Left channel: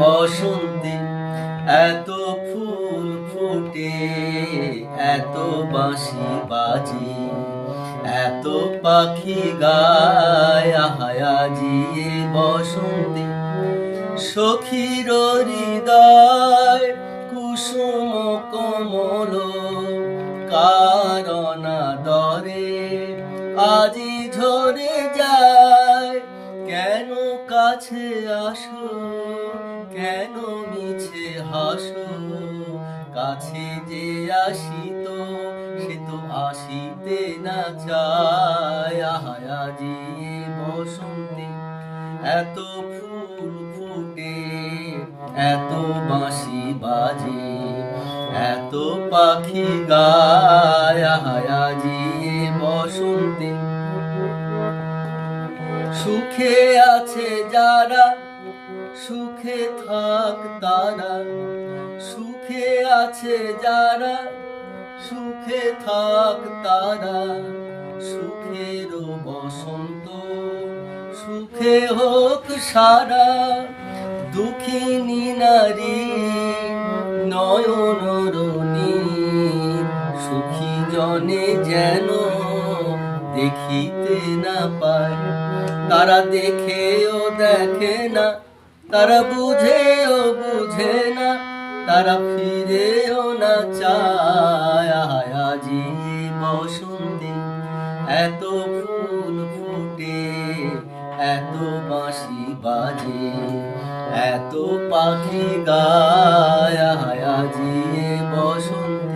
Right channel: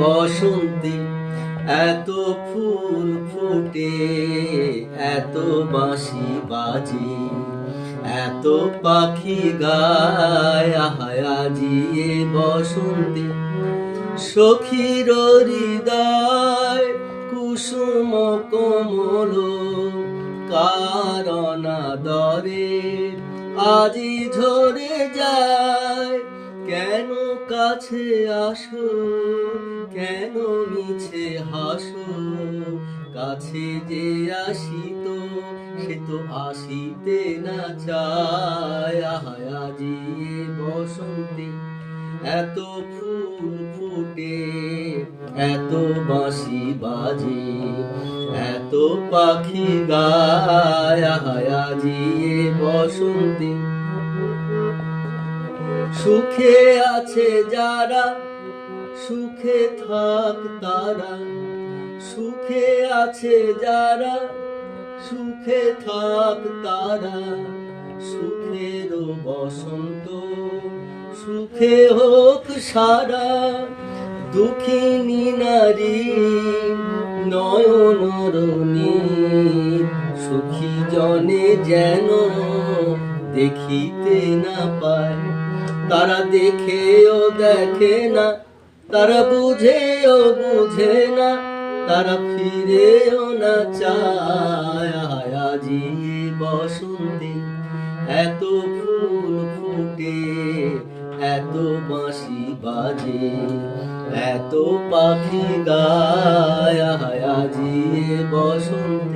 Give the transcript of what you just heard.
বসন্তে এত ফুল ফোটে, এত বাঁশি বাজে, এত পাখি গায়, আজি এ বসন্তে সখীর হৃদয় কুসুম কোমল কারণ দরে আজি ঝরে যায়। কেন কাছে আসো, কেন মিছে হাসো, কাছে যে আসিত সে তো আসিতে না চায়। আজি বসন্তে এত ফুল ফুটে, এত বাঁশি বাজে, এত পাখি গায়, আজি বসন্তে। সুখে আছে যারা সুখে থাক তারা, সুখে আছে যারা সুখে থাক তারা, সুখের বসন্ত সুখে হোক সারা। দুঃখিনী নারী নয়নরণী সুখী জনে যেন দেখিতে না পায়। তারা দেখেও দেখে না, তারা বুঝেও বুঝে না, তারা ফিরেও না চায়। আজি বসন্তে এত ফুল ফুটে, এত বাঁশি বাজে, এত পাখি গায়, আজি বসন্তে।